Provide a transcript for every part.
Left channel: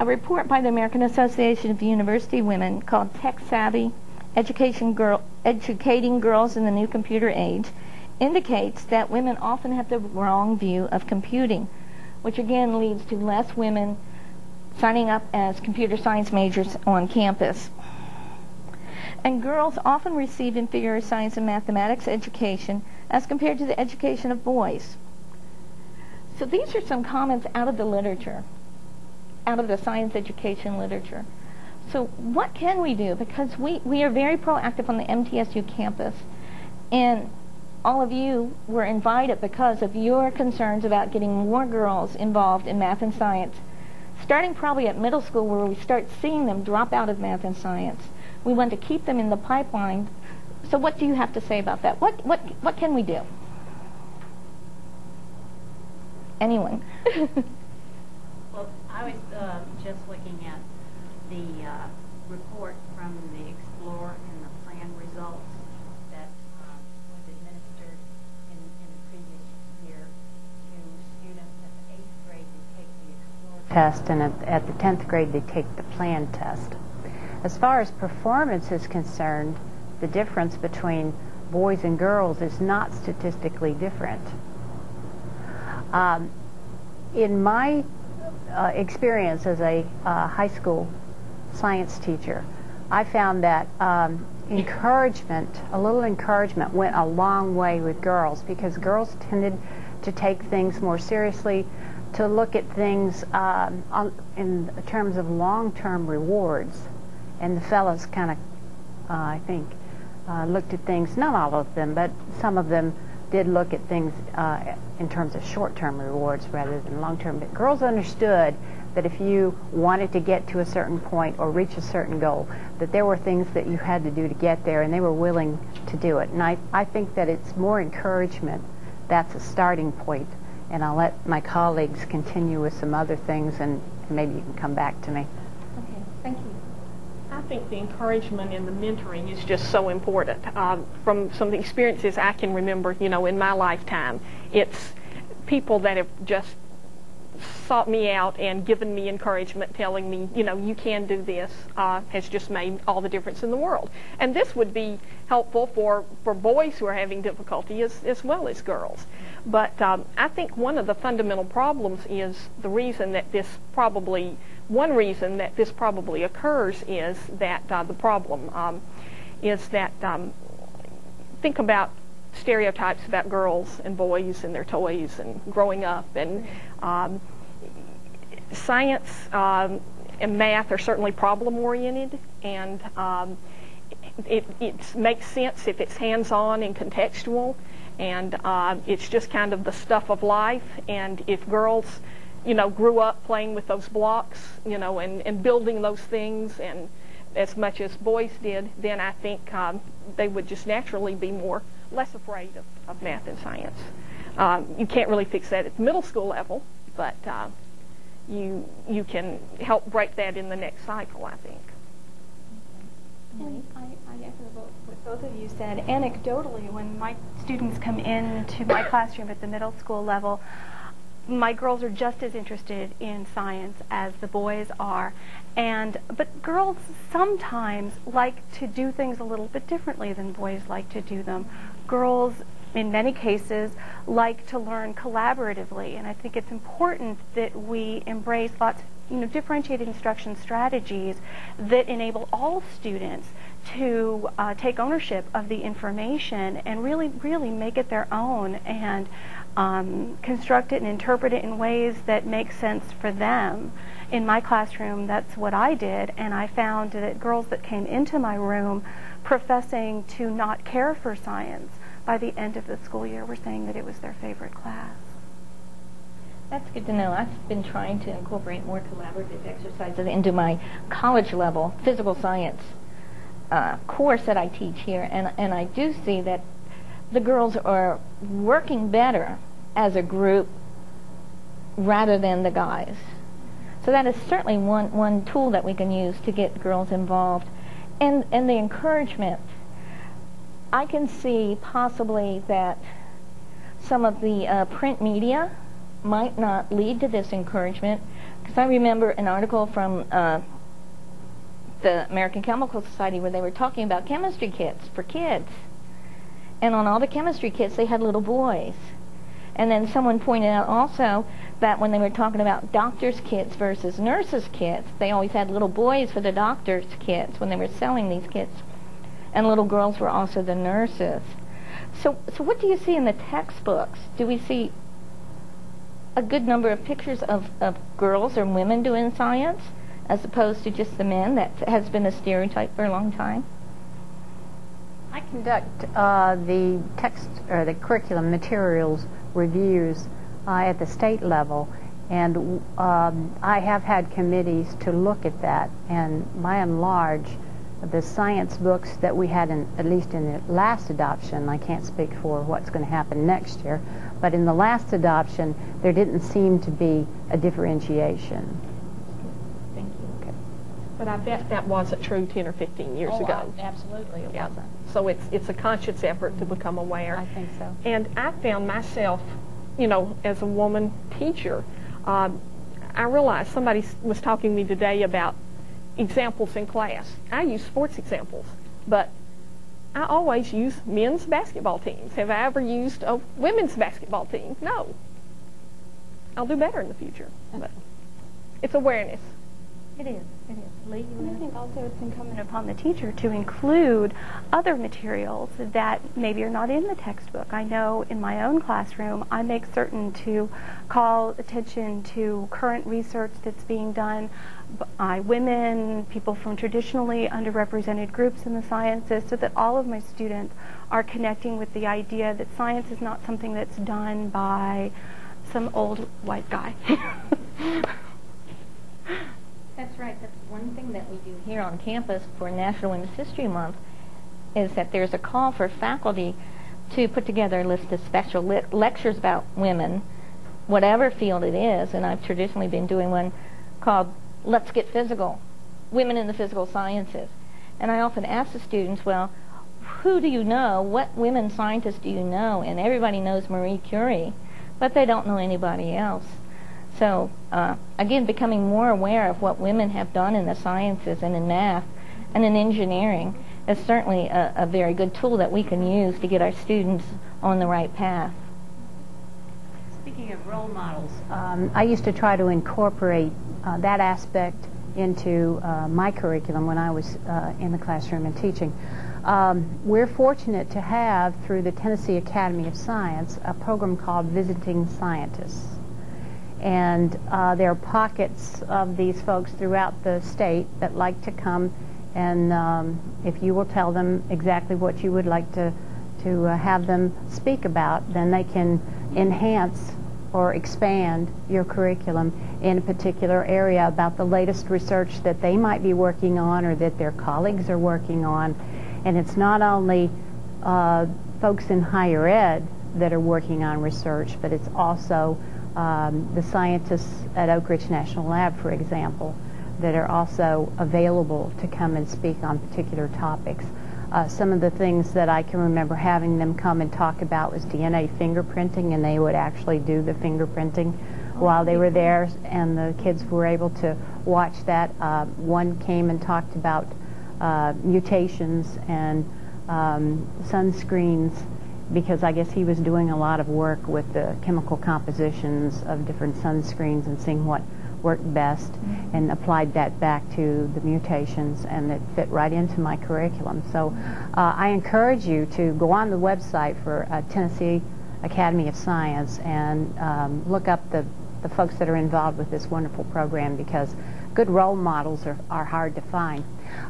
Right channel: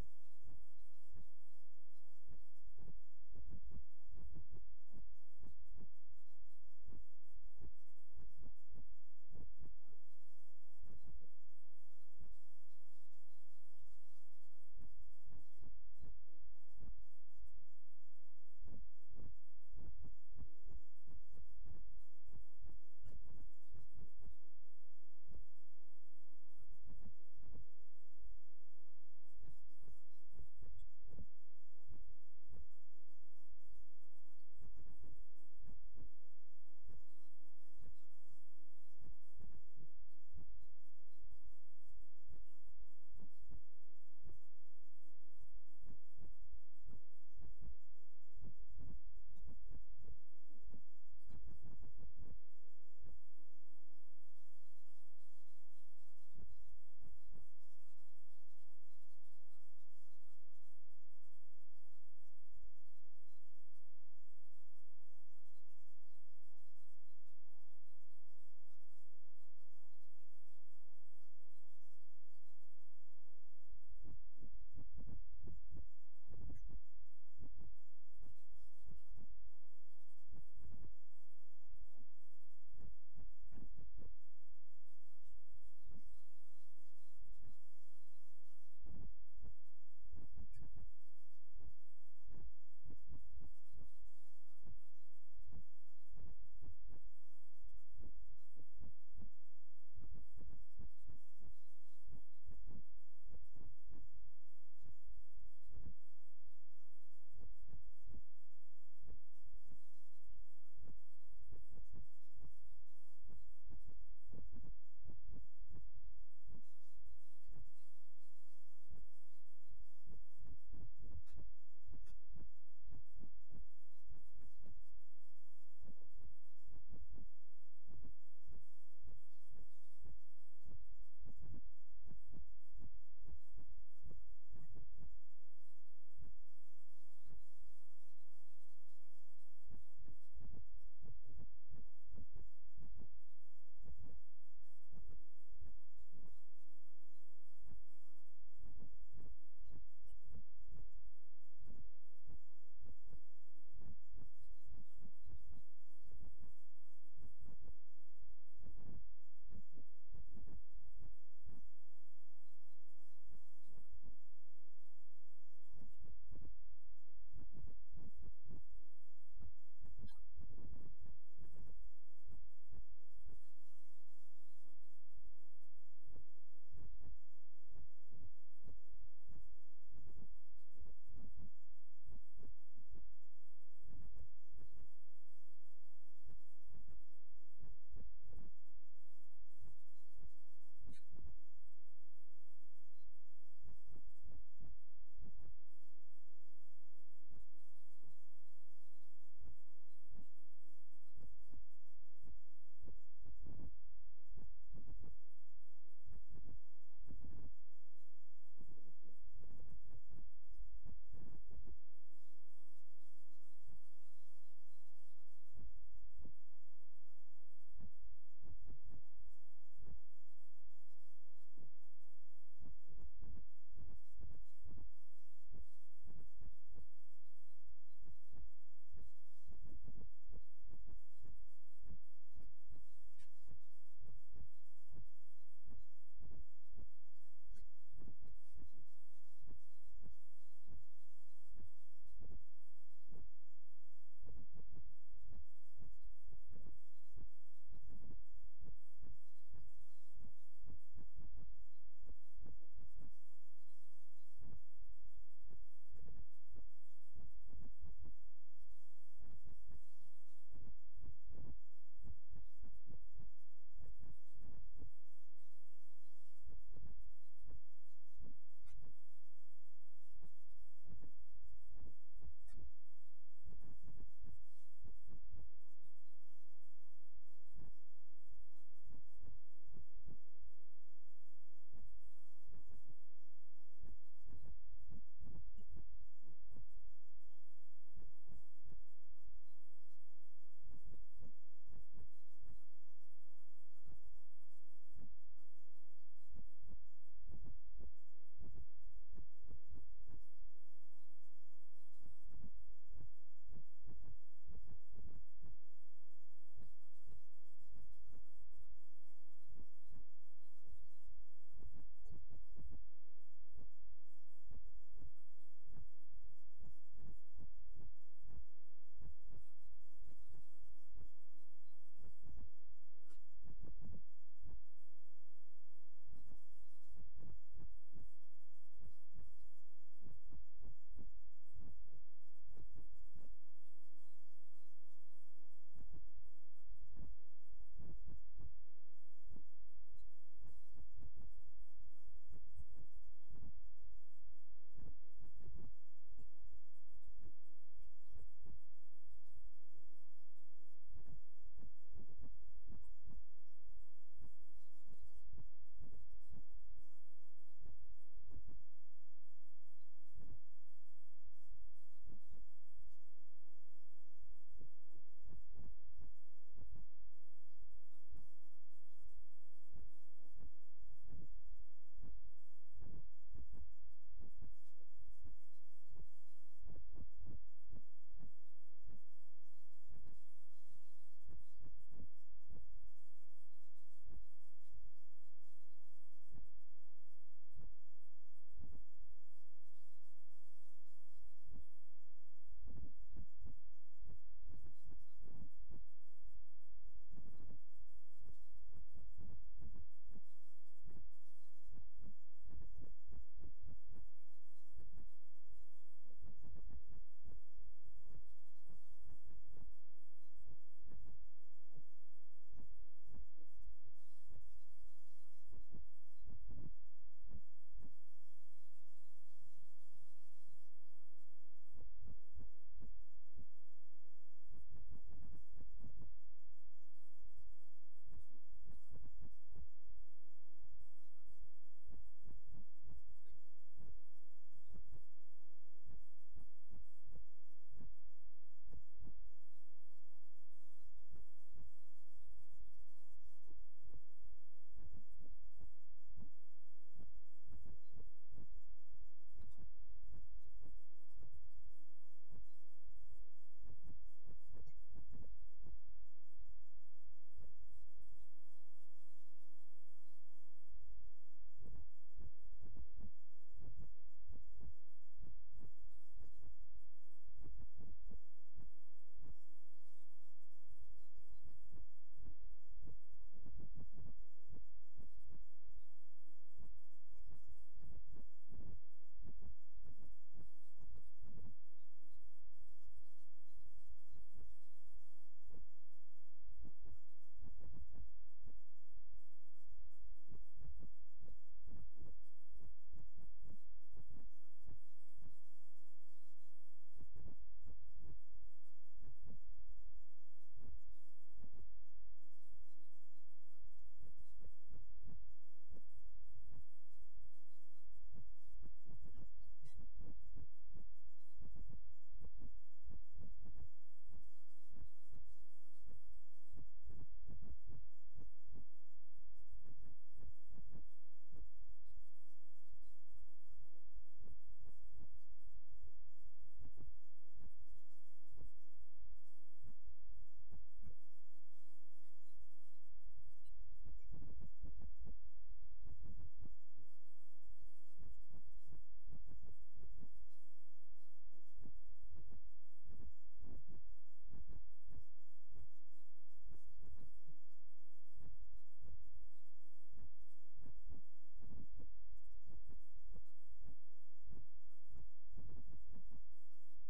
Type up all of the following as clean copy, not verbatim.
A report by the American Association of University Women called Tech Savvy, Educating Girls in the New Computer Age indicates that women often have the wrong view of computing, which again leads to less women signing up as computer science majors on campus. And girls often receive inferior science and mathematics education as compared to the education of boys. So these are some comments out of the literature, out of the science education literature. So what can we do? Because we are very proactive on the MTSU campus, and all of you were invited because of your concerns about getting more girls involved in math and science, starting probably at middle school where we start seeing them drop out of math and science. We want to keep them in the pipeline. So what do you have to say about that? What can we do? Anyone? Well, I was just looking at the report from the Explore and the Plan results that was administered in the previous year to students at the 8th grade who take the Explore test, and at the 10th grade they take the Plan test. As far as performance is concerned, the difference between boys and girls is not statistically different. In my experience as a high school science teacher, I found that encouragement, a little encouragement, went a long way with girls, because girls tended to take things more seriously, to look at things in terms of long-term rewards, and the fellows kind of, I think, looked at things, not all of them, but some of them did look at things in terms of short-term rewards rather than long-term. But girls understood that if you wanted to get to a certain point or reach a certain goal, that there were things that you had to do to get there, and they were willing to do it. And I think that it's more encouragement. That's a starting point. And I'll let my colleagues continue with some other things, and maybe you can come back to me. Okay, thank you. I think the encouragement and the mentoring is just so important. From some of the experiences I can remember, you know, in my lifetime, it's people that have just sought me out and given me encouragement, telling me, you know, you can do this, has just made all the difference in the world. And this would be helpful for boys who are having difficulty as well as girls. But I think one of the fundamental problems is the reason that one reason that this probably occurs is that think about stereotypes about girls and boys and their toys and growing up, and science and math are certainly problem-oriented, and it makes sense if it's hands-on and contextual, and it's just kind of the stuff of life. And if girls, you know, grew up playing with those blocks, you know, and building those things, and as much as boys did, then I think they would just naturally be less afraid of math and science. You can't really fix that at the middle school level, but you can help break that in the next cycle, I think. And I echo what both of you said. Anecdotally, when my students come into my classroom at the middle school level, my girls are just as interested in science as the boys are. But girls sometimes like to do things a little bit differently than boys like to do them. Girls, in many cases, like to learn collaboratively, and I think it's important that we embrace lots of differentiated instruction strategies that enable all students to take ownership of the information and really make it their own, and construct it and interpret it in ways that make sense for them. In my classroom, that's what I did, and I found that girls that came into my room professing to not care for science, by the end of the school year were saying that it was their favorite class. That's good to know. I've been trying to incorporate more collaborative exercises into my college level physical science course that I teach here, and I do see that the girls are working better as a group rather than the guys. So that is certainly one tool that we can use to get girls involved. And the encouragement, I can see possibly that some of the print media might not lead to this encouragement, because I remember an article from the American Chemical Society where they were talking about chemistry kits for kids. And on all the chemistry kits, they had little boys. And then someone pointed out also that when they were talking about doctors' kits versus nurses' kits, they always had little boys for the doctors' kits when they were selling these kits. And little girls were also the nurses. So what do you see in the textbooks? Do we see a good number of pictures of girls or women doing science as opposed to just the men? That has been a stereotype for a long time. I conduct the text or the curriculum materials reviews at the state level, and I have had committees to look at that, and by and large the science books that we had at least in the last adoption, I can't speak for what's going to happen next year, but in the last adoption there didn't seem to be a differentiation. Thank you. Okay. But I bet that wasn't true 10 or 15 years ago. Absolutely it wasn't. So it's a conscious effort to become aware. I think so. And I found myself, as a woman teacher, I realized somebody was talking to me today about examples in class. I use sports examples, but I always use men's basketball teams. Have I ever used a women's basketball team? No. I'll do better in the future. But it's awareness. It is. It is. Lee, I think also it's incumbent upon the teacher to include other materials that maybe are not in the textbook. I know in my own classroom, I make certain to call attention to current research that's being done by women, people from traditionally underrepresented groups in the sciences, so that all of my students are connecting with the idea that science is not something that's done by some old white guy. That's right. That's one thing that we do here on campus for National Women's History Month, is that there's a call for faculty to put together a list of special lectures about women, whatever field it is, and I've traditionally been doing one called Let's Get Physical, Women in the Physical Sciences. And I often ask the students, well, who do you know? What women scientists do you know? And everybody knows Marie Curie, but they don't know anybody else. So, again, becoming more aware of what women have done in the sciences and in math and in engineering is certainly a very good tool that we can use to get our students on the right path. Speaking of role models, I used to try to incorporate that aspect into my curriculum when I was in the classroom and teaching. We're fortunate to have, through the Tennessee Academy of Science, a program called Visiting Scientists. And there are pockets of these folks throughout the state that like to come, and if you will tell them exactly what you would like to have them speak about, then they can enhance or expand your curriculum in a particular area about the latest research that they might be working on or that their colleagues are working on. And it's not only folks in higher ed that are working on research, but it's also the scientists at Oak Ridge National Lab, for example, that are also available to come and speak on particular topics. Some of the things that I can remember having them come and talk about was DNA fingerprinting, and they would actually do the fingerprinting while they were there, and the kids were able to watch that. One came and talked about mutations and sunscreens, because I guess he was doing a lot of work with the chemical compositions of different sunscreens and seeing what worked best, and applied that back to the mutations, and it fit right into my curriculum. So I encourage you to go on the website for Tennessee Academy of Science and look up the folks that are involved with this wonderful program, because good role models are hard to find.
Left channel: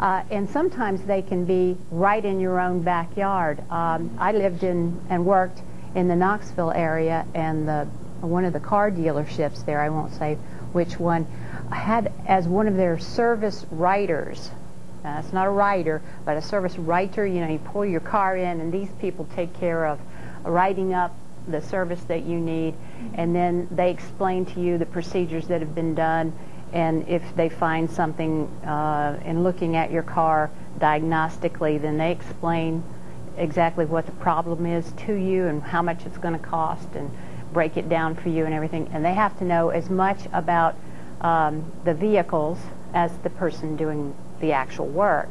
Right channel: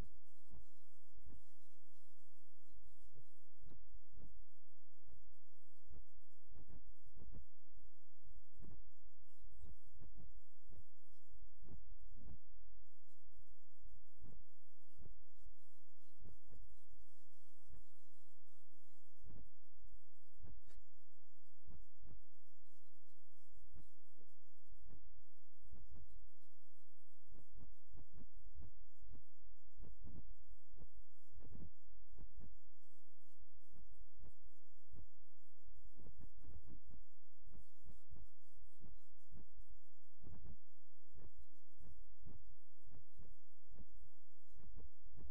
And sometimes they can be right in your own backyard. I lived in and worked in the Knoxville area, and one of the car dealerships there, I won't say which one, had as one of their service writers. It's not a writer, but a service writer. You know, you pull your car in, and these people take care of writing up the service that you need, and then they explain to you the procedures that have been done, and if they find something in looking at your car diagnostically, then they explain exactly what the problem is to you and how much it's going to cost, and break it down for you and everything, and they have to know as much about the vehicles as the person doing the actual work.